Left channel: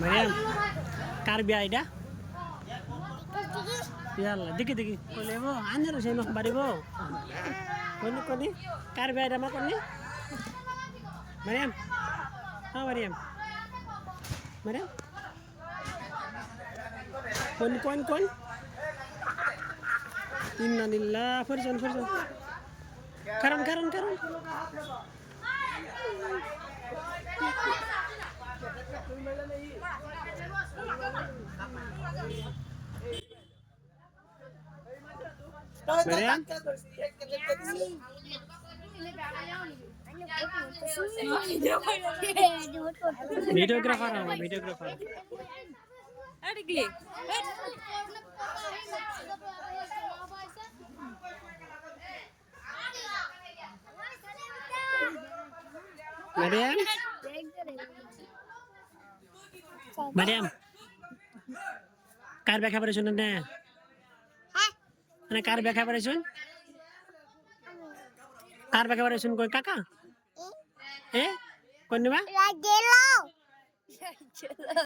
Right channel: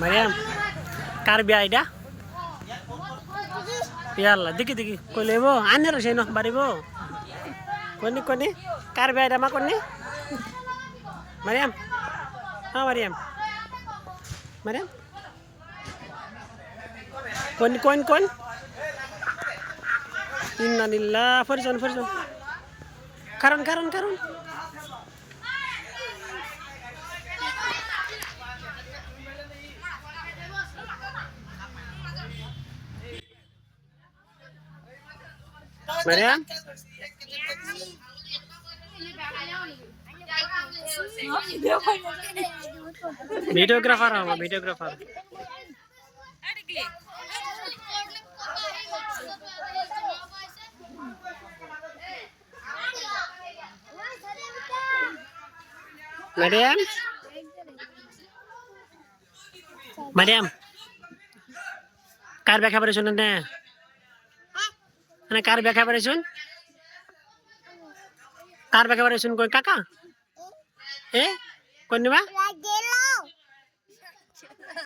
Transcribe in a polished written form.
মারিয়াম কার বিয়া এটা ইয়াল্লা দেখি দেখি কইলেব আনের সেই ন বাড়িব কোনি কোনি কার বিয়া এটা মা কোনি মারিয়াম হ্যাঁ মারিয়াম মারিয়াম কোন কোন কোন ইন্নালিল্লাহ ফরজন ফরজন কারণ কারণ কারণ Mariam videographer ho videographer Mariam Mariam কার ব্যাখ্যা করে শুনুন না মানে কার ব্যাখ্যা করে শুন কার ব্যাখ্যা করে শুন কোন কাকা এ কোন নিবা